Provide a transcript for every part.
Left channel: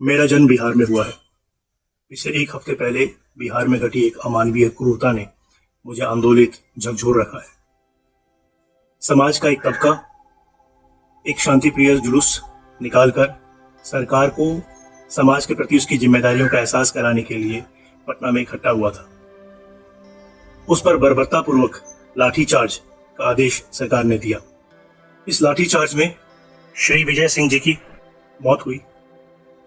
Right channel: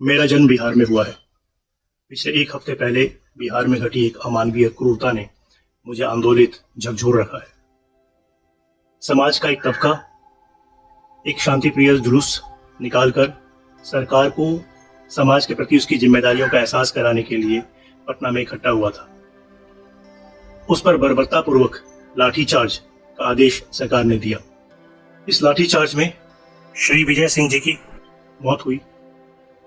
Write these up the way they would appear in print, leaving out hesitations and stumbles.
मेरा जन्म बिहार में हुआ है। पिछले एक हफ्ते पहले बिहार में घटी एक अमानवीय क्रूरता ने मुझे आंदोलित झकझोर रखा है। समाज का एक तबका एक शांतिप्रिय जुलूस निकालकर सरकार को समाज के प्रति उसकी जिम्मेदारियों का एहसास कराने के लिए पटना में इकट्ठा हुआ था। उस पर बर्बरतापूर्वक लाठीचार्ज का आदेश सरकार ने दिया। इस लाठीचार्ज में श्री विजय सिंह जी की मौत हुई।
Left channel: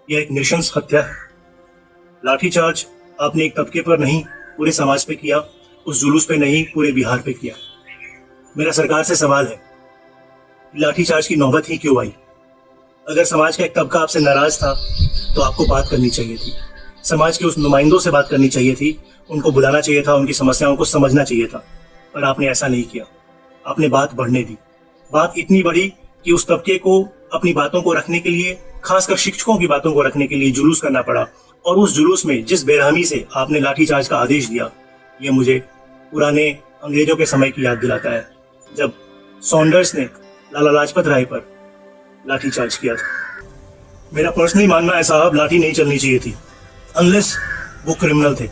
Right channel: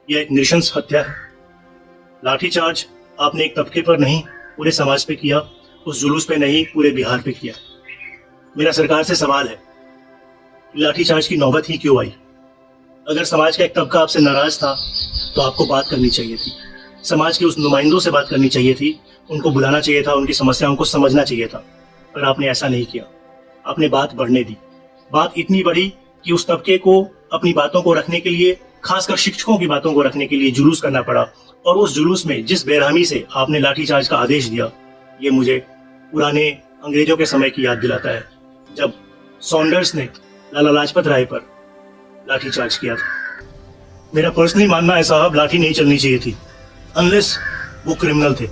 यह एक नृशंस हत्या है। लाठीचार्ज आपने एक तबके पर नहीं पूरे समाज पे किया, उस जुलूस पे नहीं पूरे बिहार पे किया। मेरा सरकार से सवाल है, लाठीचार्ज की नौबत ही क्यों आई? अगर समाज का एक तबका आपसे नाराज था तो आपको बात करनी चाहिए थी, समाज के उस नुमाइंदों से बात करनी चाहिए थी, उनको बुलाना चाहिए था, उनकी समस्याओं को समझना चाहिए था। पर आपने ऐसा नहीं किया। आपने बात बढ़ने दी। बात इतनी बढ़ी कि उस तबके को अपनी बातों को रखने के लिए, खासकर शिक्षकों की बातों को रखने के लिए जुलूस करना पड़ा। और उस जुलूस में जिस बेरहमी से आपने लाठीचार्ज का आदेश दिया, ये मुझे पुराने अंग्रेजों के समय की याद दिलाता है, जब सॉन्डर्स ने लाला लाजपत राय पर लाठीचार्ज किया था। मेरा पर्सनली मानना है साहब, लाठी नहीं चलनी चाहिए थी, अनलेस वो क्रिमिनल थे।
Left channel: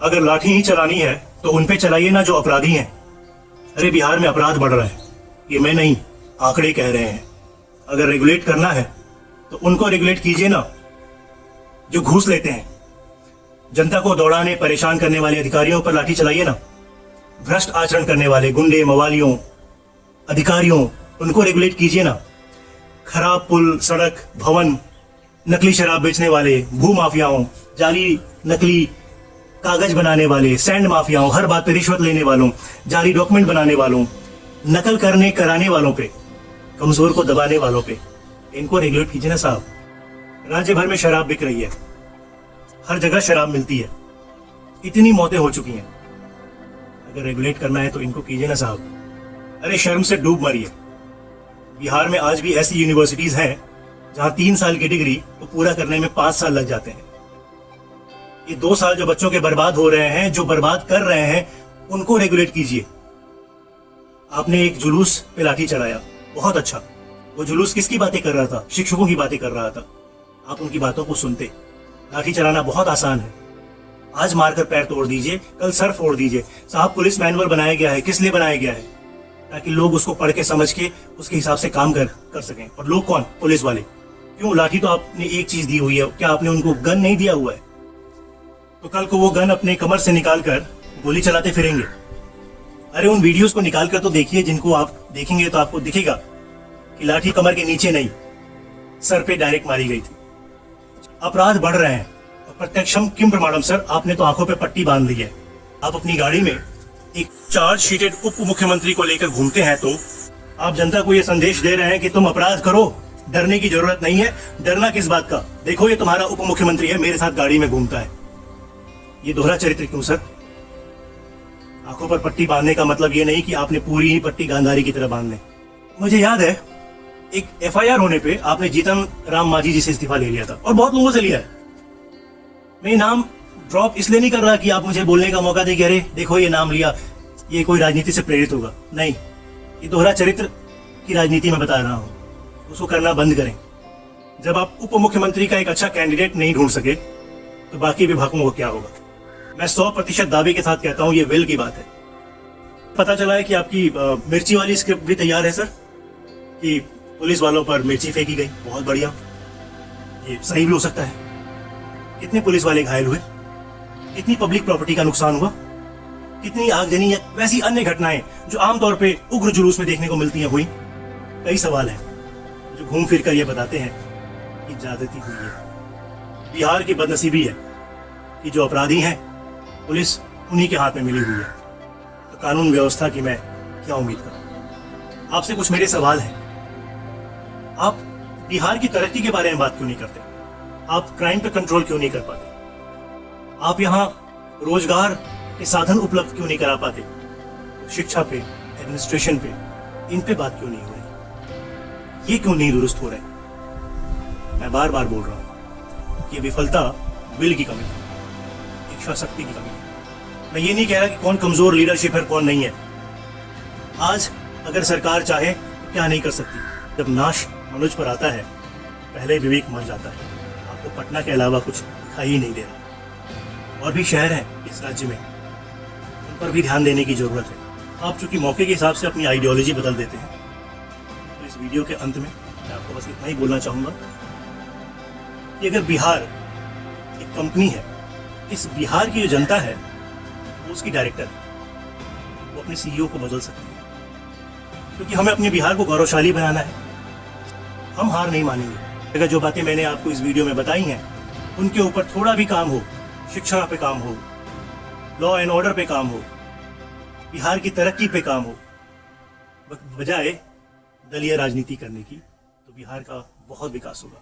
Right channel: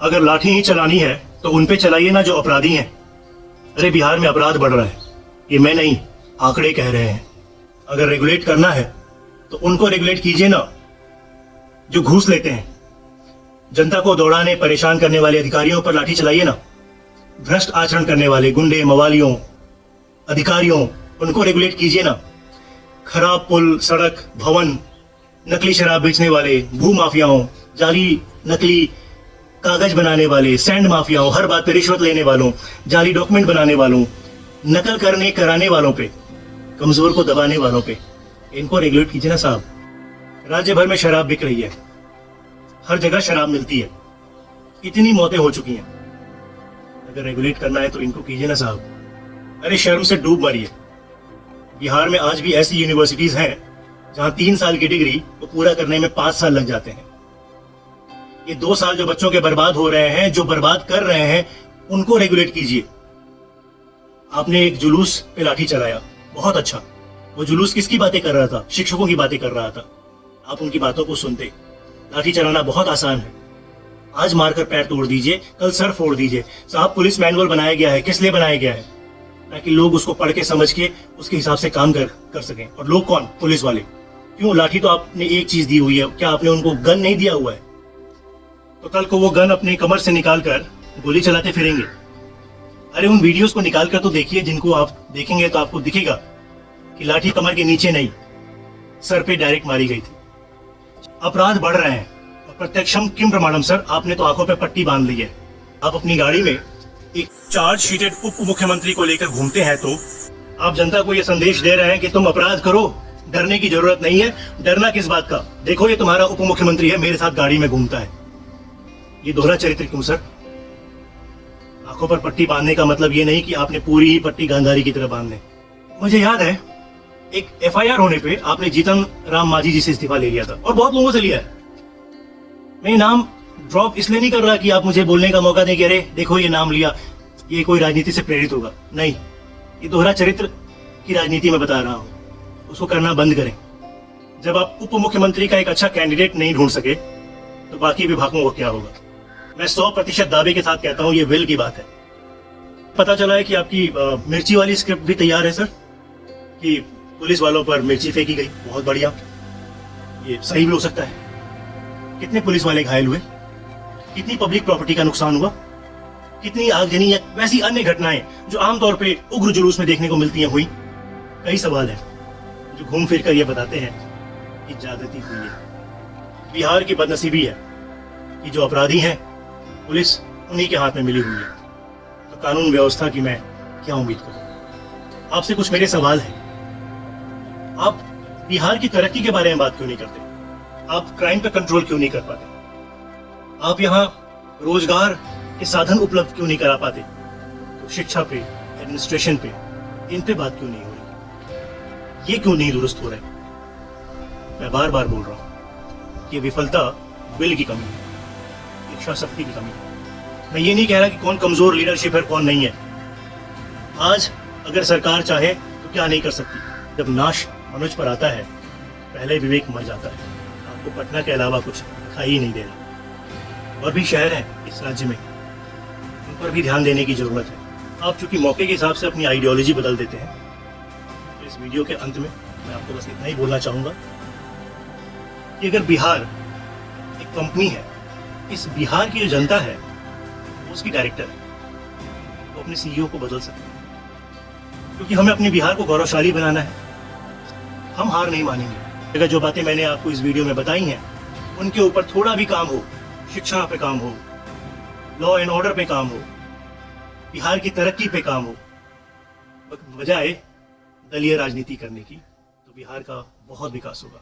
अगर लाठी ही चलानी है तो उन पे चलाइए ना जो अपराधी हैं। अरे बिहार में अपराध बढ़ रहा है, ये मैं नहीं, आंकड़े कह रहे हैं। अगर रेगुलेट करना है तो उनको रेगुलेट कीजिए ना जो घूस लेते हैं। जनता को दौड़ाने परेशान करने वाले अधिकारियों पर लाठी चलाइए ना। भ्रष्ट आचरण करने वाले गुंडे मवालियों अधिकारियों, उनको रेगुलेट कीजिए ना। खराब पुल सड़क भवन, नकली शराब बेचने वाले भू माफियाओं, जाली नकली कागज बनाने वाले सैंड माफियाओं, हर बात पे रिश्वत लेने वालों, जाली डॉक्यूमेंट बनाने वालों, नकल करने कराने वालों पे, कमजोर को दबाने वालों पे, इनको रेगुलेट कीजिए ना साहब। राज्य भर में शराब बिक रही है, हर जगह शराब मिलती है, इतनी मौतें हो चुकी हैं। अगर रेगुलेट करना है तो इनको कीजिए ना साहब। अरे शर्म से डूब मरिए। बिहार में आज भी ऐसी यूनिवर्सिटीज हैं जहां 3 साल की डिग्री को पूरा करने में 5 साल लग जाते हैं। ये 2 साल जो बच्चों के बर्बाद हो रहे हैं, जो बर्बाद कर रहे हैं, उनको रेगुलेट कीजिए। आपने एक जुलूस पे लाठी चलाया, बहुत अच्छा। वो जुलूस किसकी बातें कर रहा था? शिक्षकों की बातें कर रहा था। आप उनकी बातों को सुनते। लाठी चलाना बहुत आसान है। आज मारकर पैर तोड़ दीजिए, कल सर फोड़ दीजिए। साहब, पुलिस मैनुअल बनाया गया है, किस लिए बनाया गया है? ताकि लोग उसको पढ़ के समझ के उसके हिसाब से काम कर सकें। और लोग कौन? पुलिस वाले। क्यों? लाठी तो आपने एक चीज दी हुई है, क्या आपने उनको गन नहीं दिया हुआ है? तो कल को वो गन अपने कमर से निकाल कर गोली चलाते फिरेंगे। अरे उन वीडियोस को निकाल कर तो देखिए, जिनको आप देखेंगे तो आपको दिखेगा कि लाठी कमर के नीचे नहीं, सर पे डायरेक्ट मारी गई थी। अपराध बढ़ रहे हैं और प्रत्यक्षम किम प्रमाणम सर, आपने तो आंखों पे पट्टी बांध ली है। आप अपनी गाड़ी में एक चार्ज शीटेड उप मुख्यमंत्री को लेकर घूमते हैं, तो आप जनता को यह संदेश दे रहे हैं कि तुम अपराध करो, डरने की जरूरत नहीं है। डरना किस बात का? देखो ये तुम्हारा उप मुख्यमंत्री है, मेरे साथ गाड़ी में घूमता है। ये दोहरा चरित्र क्यों सर? आंखों पर पट्टी बांधने का मतलब ये नहीं कि आपने पूरी ही पट्टी गांधारी की तरह बांधने। मुझे याद है एक एफआईआर होने पे आपने जीतन राम मांझी जी से इस्तीफा ले लिया था, और बहुत लोगों से लिया है। मैं नाम ड्रॉप इसलिए नहीं कर रहा कि आप मुझे बोलने का मौका दे, कह रहे देखो ये नाम लिया, ये कोई राजनीति से प्रेरित होगा। नहीं, ये दोहरा चरित्र की राजनीति में बता रहा हूं। उसको करना बंद करें। जब आप उप मुख्यमंत्री का एक अच्छा कैंडिडेट नहीं ढूंढ सके तो बाकी विभागों को क्या होगा? मैं 100% दावे के साथ कहता हूं, ये विल की बात है। पता चला है कि आपकी मिर्ची वाली स्क्रिप्ट भी तैयार है सर, कि पुलिस वालों पर मिर्ची फेंकी गई। बहुत बढ़िया, ये सही भी हो सकता है। कितने पुलिस वाले घायल हुए? कितनी पब्लिक प्रॉपर्टी का नुकसान हुआ? कितनी आगजनी या वैसी अन्य घटनाएं जो आमतौर पे उग्र जुलूस में देखने को मिलती हैं हुई? कई सवाल हैं जो घूम फिर कर ये बताते हैं कि जागृति हुई है। बिहार की बदनसीबी है कि जो अपराधी हैं पुलिस उन्हीं के हाथ में मिली हुई है। तो कानून व्यवस्था की मैं क्या उम्मीद करूं? आपसे कुछ मेरे सवाल हैं। आप बिहार की तरक्की के बारे में बात क्यों नहीं करते? आप क्राइम पे कंट्रोल क्यों नहीं कर पाते? आप यहाँ रोजगार के साधन उपलब्ध क्यों नहीं करा पाते? शिक्षा पे, एडमिनिस्ट्रेशन पे, इन पे बात क्यों नहीं हो रही? ये क्यों नहीं दुरुस्त हो रहे? मैं बार बार बोल रहा हूँ कि विफलता बिल की कमी, इच्छा शक्ति की कमी। मैं ये नहीं कह रहा कि कौन कमजोर लीडरशिप है कौन नहीं है। आज अगर सरकार चाहे तो क्या नहीं कर सकती। जब नाश मनुष्य पर आता है, पहले विवेक मर जाता है। तो पटना के अलावा कुछ दिखाई ही नहीं दे रहा। और भी शहर है इस राज्य में, उन पर भी ध्यान देने की जरूरत है। आप चूंकि मौके के हिसाब से अपनी आइडियोलॉजी बदल देते हैं, तो इस वीडियो के अंत में मैं आपको बस इतना ही बोलना चाहूँगा कि अगर बिहार एक कंपनी है, इस बिहार की जो जनता है उसकी डायरेक्टर है, वो अपने सीईओ को बदल सकते हैं, क्योंकि हमें अपने बिहार को गौरवशाली बनाना है। हम हार नहीं मानेंगे। अगर जो बातें मैंने आपको इस वीडियो में बताई हैं उनके ऊपर थोड़ा भी काम हो, शिक्षा पे काम हो, लॉ एंड ऑर्डर पे काम हो, बिहार की तरक्की पे काम हो, बजाय दलीय राजनीति करने की, तो बिहार का बहुत विकास होगा।